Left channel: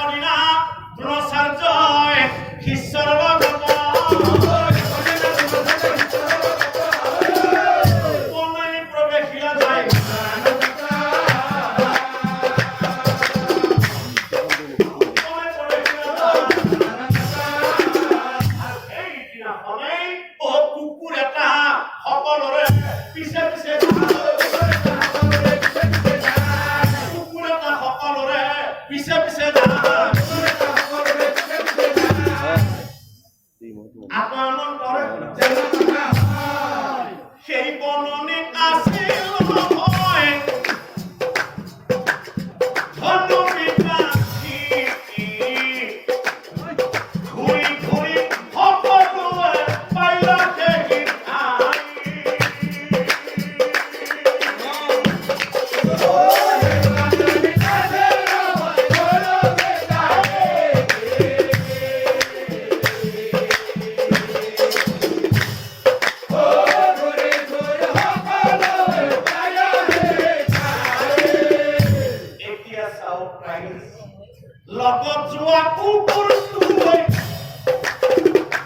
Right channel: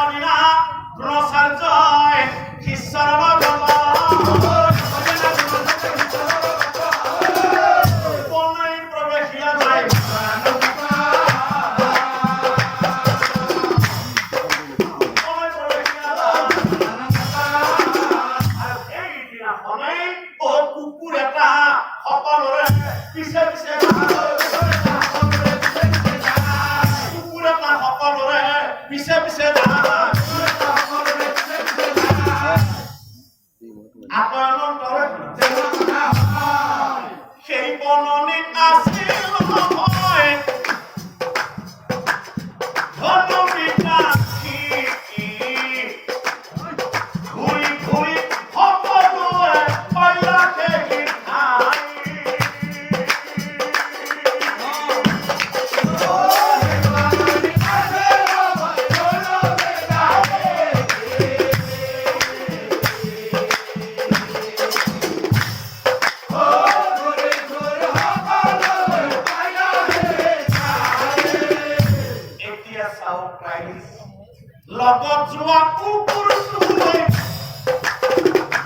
এদিনা দ্ৰোণাচাৰ্যই শিষ্যৰ লগত বনানী প্ৰৱেশিয়া যায়। কুকুৰ এটা সকলোৰে পিছে পিছে কুকুৰ এটা সকলোৰে পিছে পিছে আতয়নৰ দৰে সেই বননিত আছিল লগত যোৱা কুকুৰটোৱে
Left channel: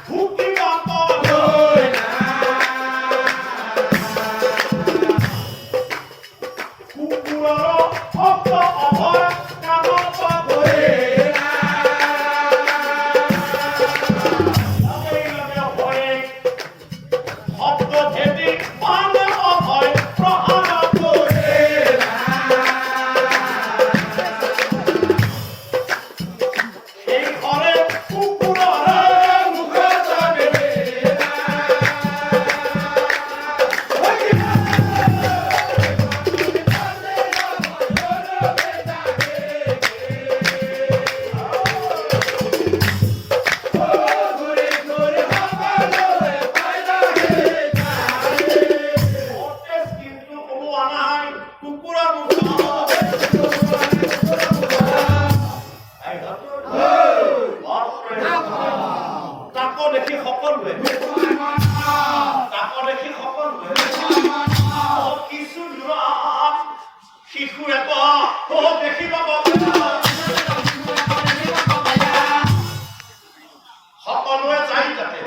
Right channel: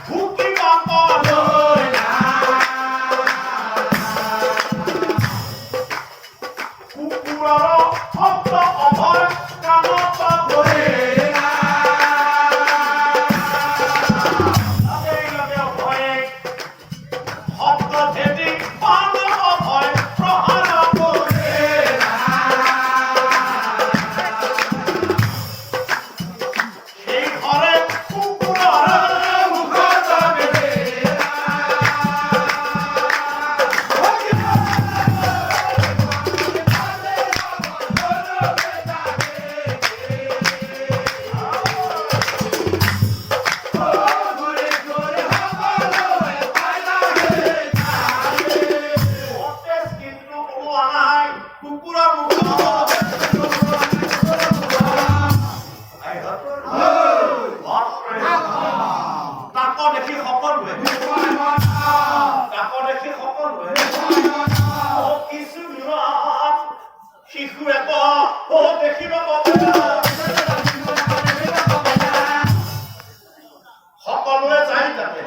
ভুকিব কলৈ কুকুৰৰ শব্দ অভয় কামত ধৰে লগে লগে অভয়ে শব্দ ভেদি পান অভয় প্ৰহাৰ কৰে। শিশু এটা দেখিব সকলোৱে যাই তাতে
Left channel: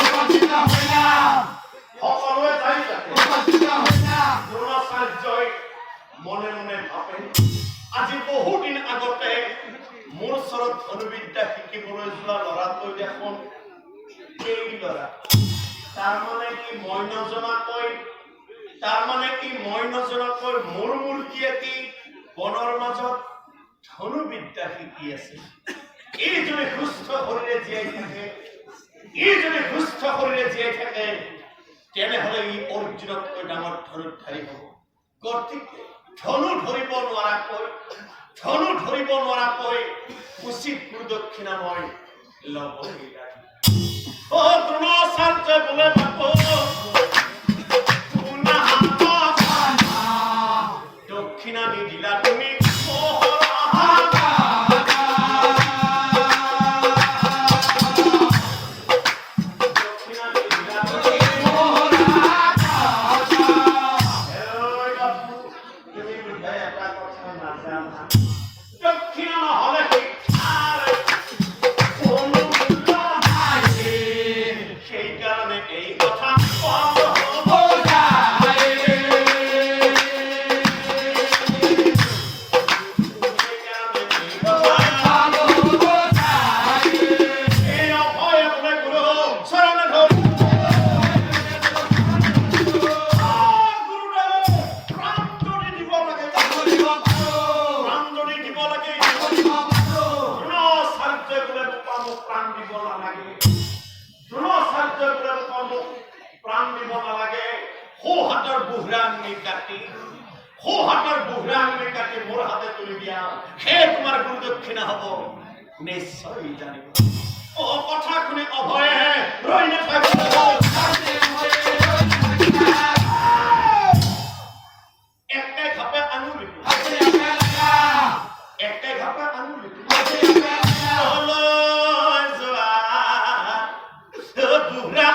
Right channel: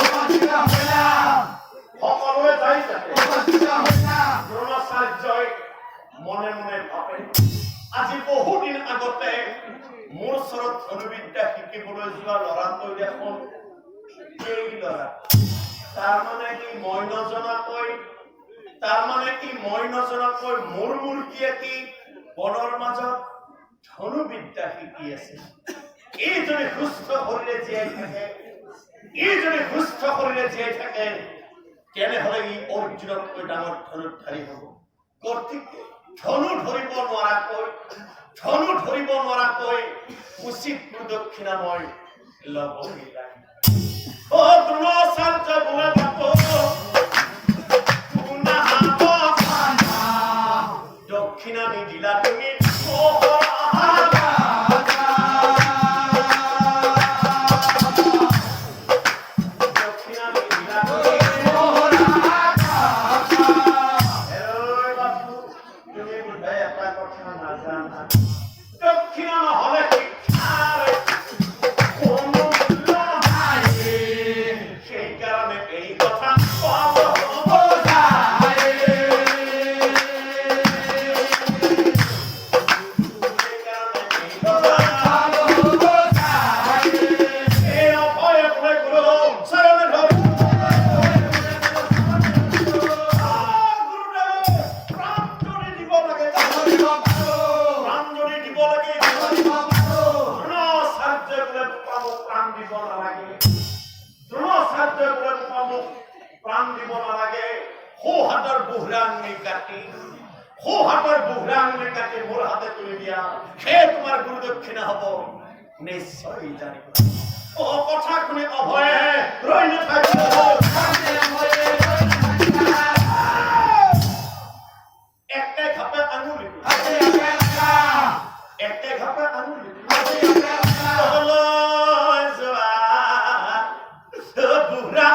দ্ৰোণাচাৰ্যই মনে মনে ভাবে আজি বহুদিন আগতে মোৰ ওচৰত ধনুবিদ্যা শিকিবলৈ যোৱা ল'ৰাটো দেখোন এই ল'ৰা তাৰমানে কি মই নজনাকৈ মোৰ মূৰ্তিয়ে কি বনৰ মাজত ধনুবিদ্যা শিকি আছে। এইজনে সুস্থ শৰীৰে জীয়াই থাকে তেনেহলে ই অৰ্জুনতকৈ ডাঙৰ ধনুধাৰী হ'ব। গতিকে ধনু ধৰিব নোৱাৰাকৈ উচিত গুৰুদক্ষিণা মই ল'বই লাগিব। দ্ৰোণাচাৰ্য বোলে দক্ষিণা নিদিলা তুমি দক্ষিণা নহলে সেইকাৰণে এই কথা প্ৰাণ দিব নালাগে। সোঁহাতৰ বুঢ়া আঙুলি কাটি মোৰ হাতে তুলি দিয়া সেই তোমাৰ গুৰুদক্ষিণা হ'ব নিশ্চয় জানিব। কথা শুনি অভয়ে ৰৈ নাথাকিব। একটাই ঘাপে আঙুলি বুঢ়া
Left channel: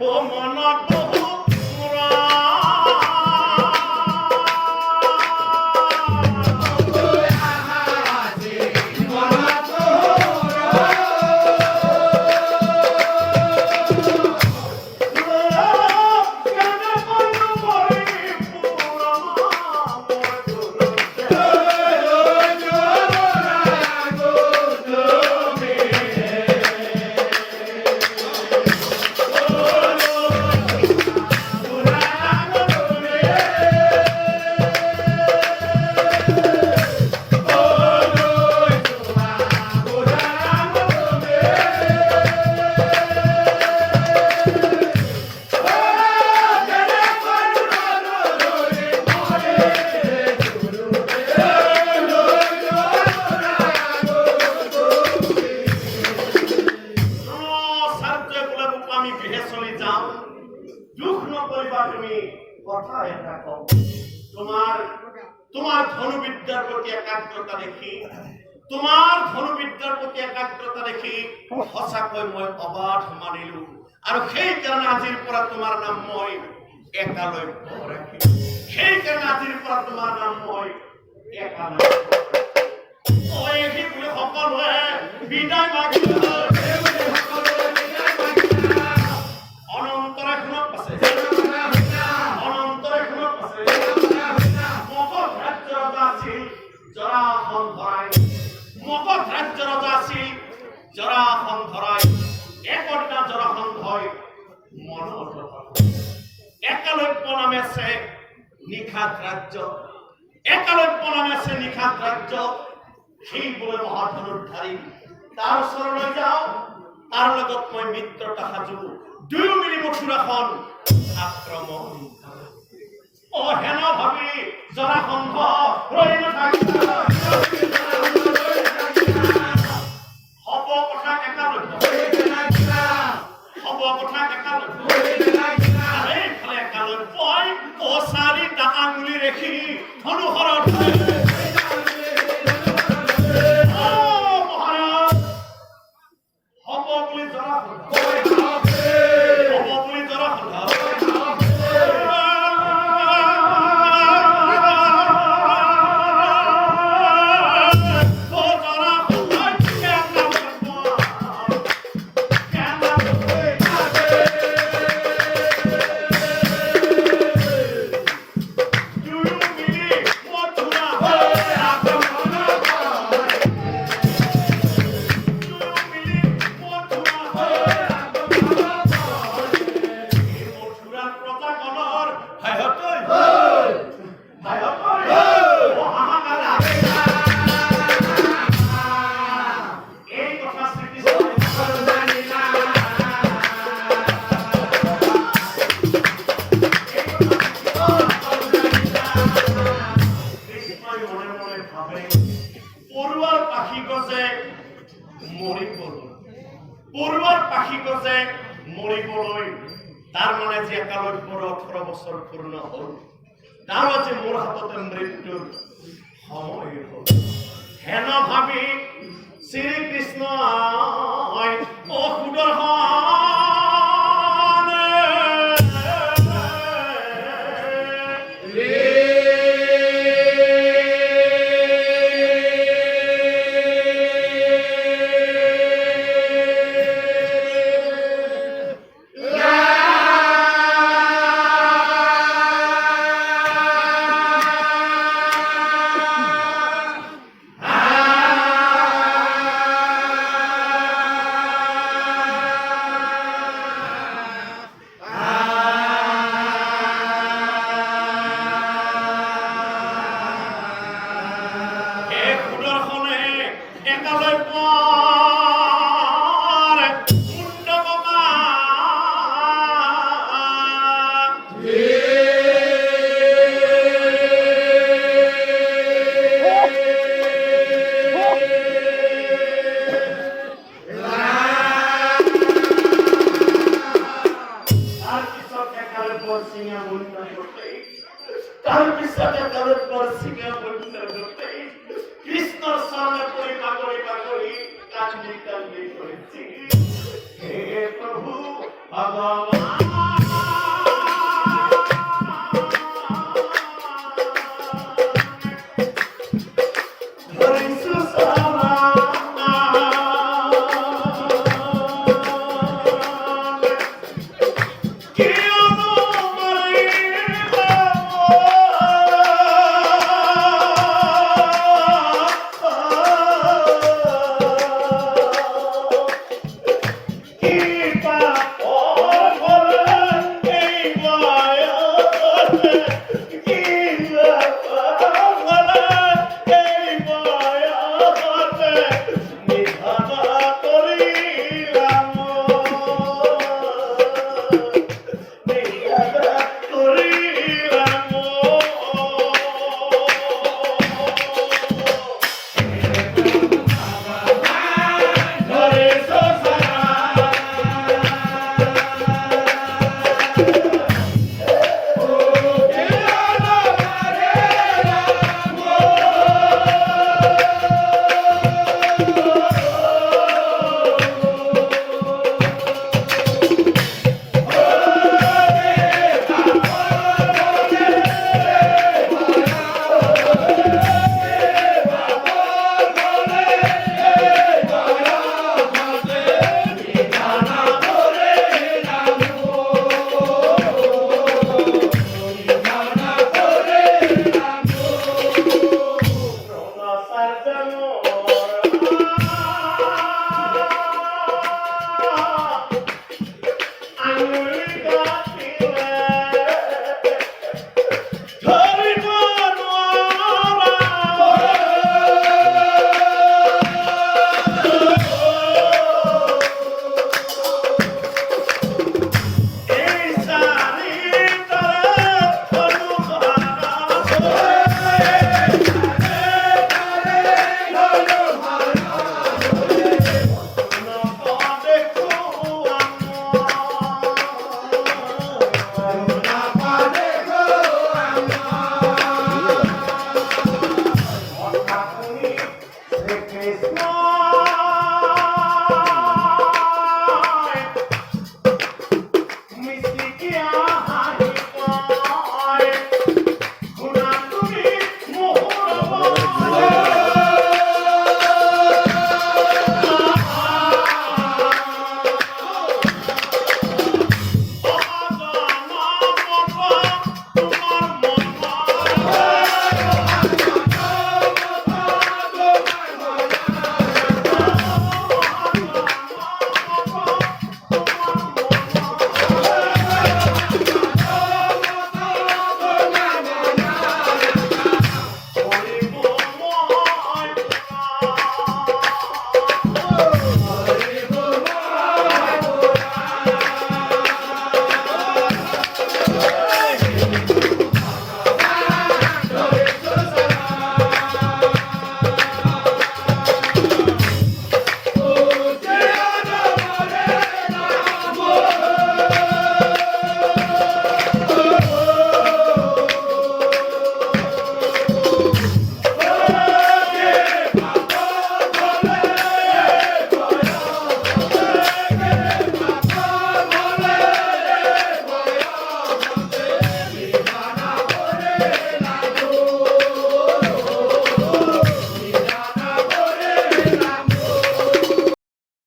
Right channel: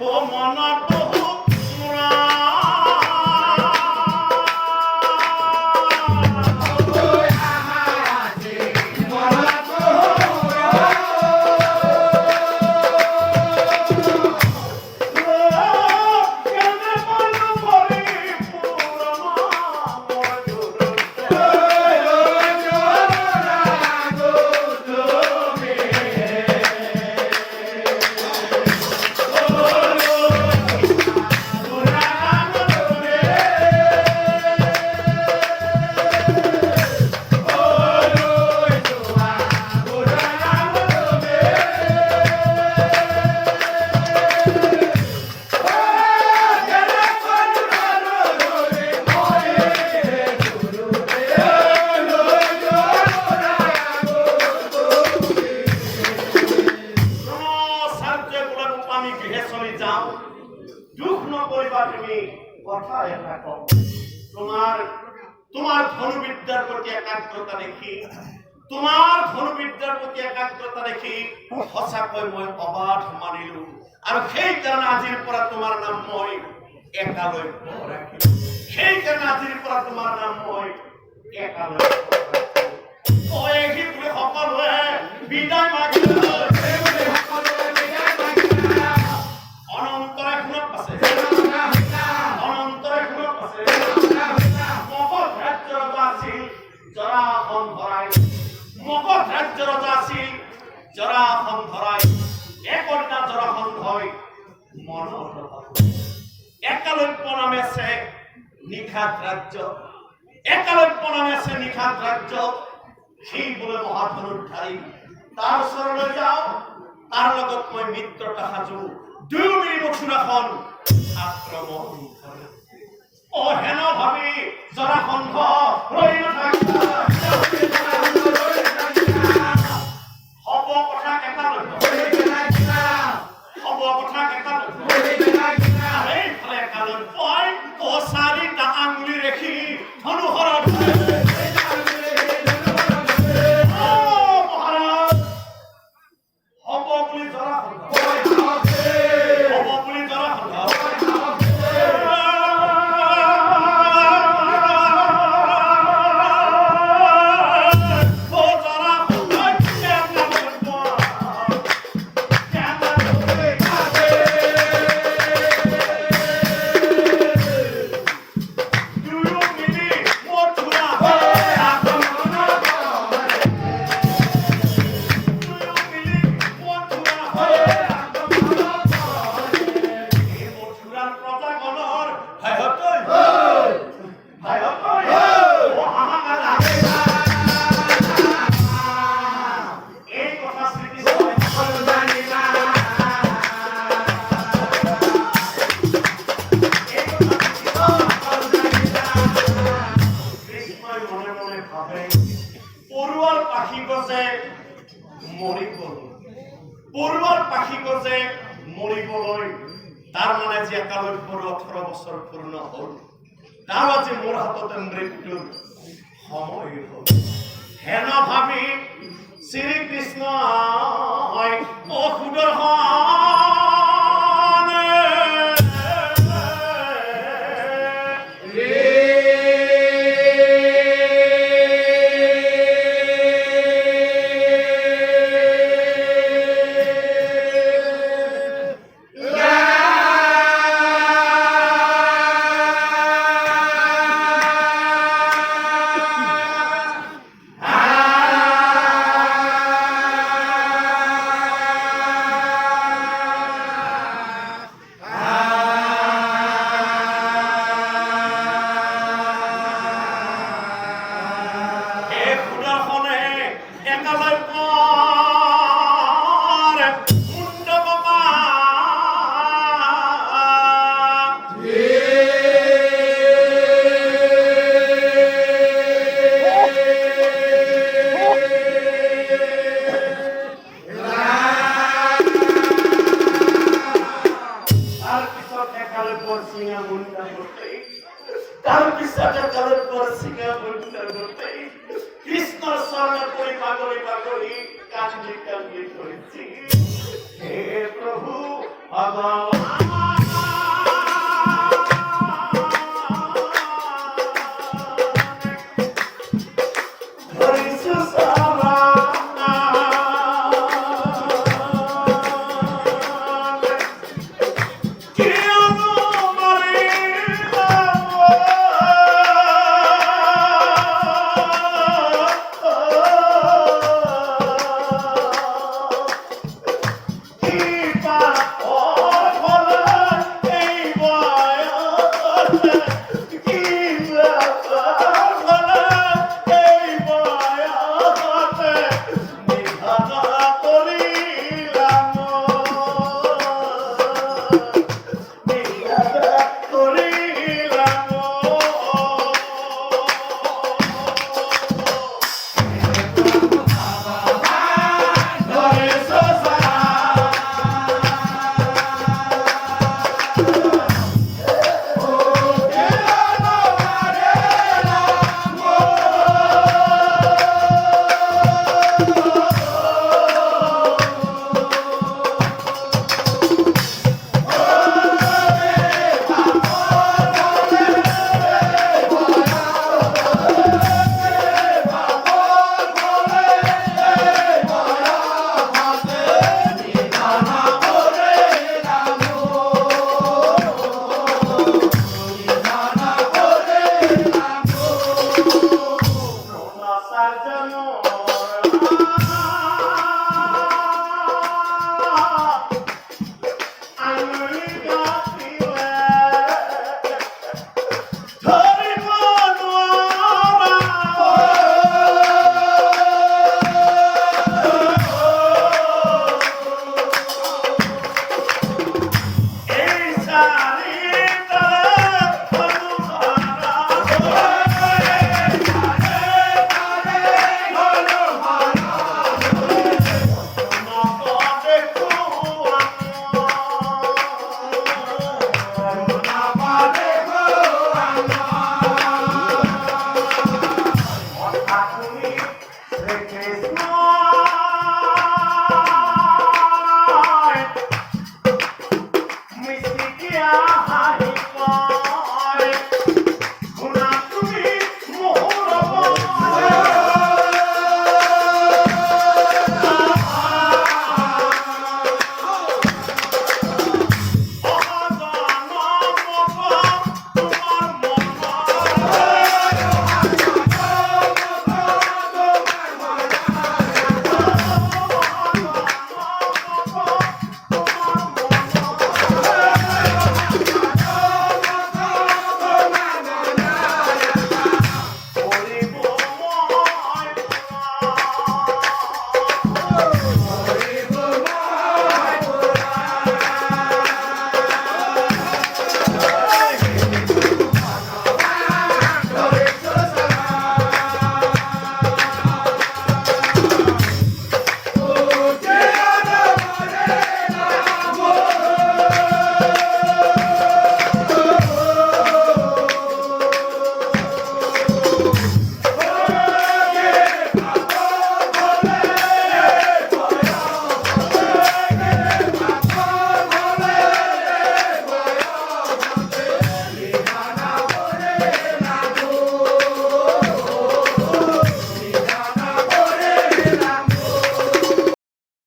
ও মনত মুৰা তোমাৰ ধনুবিদ্যাৰ প্ৰতি একাগ্ৰতা দেখি সঁচাকৈ মই অবাধ মানিলো আৰু সেই কাৰণে আজিৰ পৰা তোমাৰ নাম মই একালব্য ৰাখিলো এই বুলি সকলোৱে বিদায় মাগিলো অনন্তৰে শুনক আছে মগধ ৰাজ্য ৰজা আছিল জৰাসন্ধৰাই একদিনা জৰাসন্ধই মনত একালব্য নামে আছে নিখাত ৰাজ্য সেই বোলে মহাধনুৰ্ধাৰী তাৰ ওচৰলৈ যাওঁ তাৰ লগত মই মিত্ৰতা সাজো দুয়ো মিলি মথুৰাখন আক্ৰমণ হেন ভাবি জৰাসন্ধ ৰৈ নাথাকিব এইফালে একালব্যই চাৰিটা আঙুলি ৰেখি ধনুহৰত মহাৰাজ হ'ব বুলি জৰাসন্ধ মৰিবলৈ তাৰ মানে যে একালব্যৰ 18 বছৰ পূৰ্ণ হ'ল তাৰ আজি মোৰ হাততে মৃত্যুৰ সময় হ'ল হেন ভাবি শ্ৰীকৃষ্ণ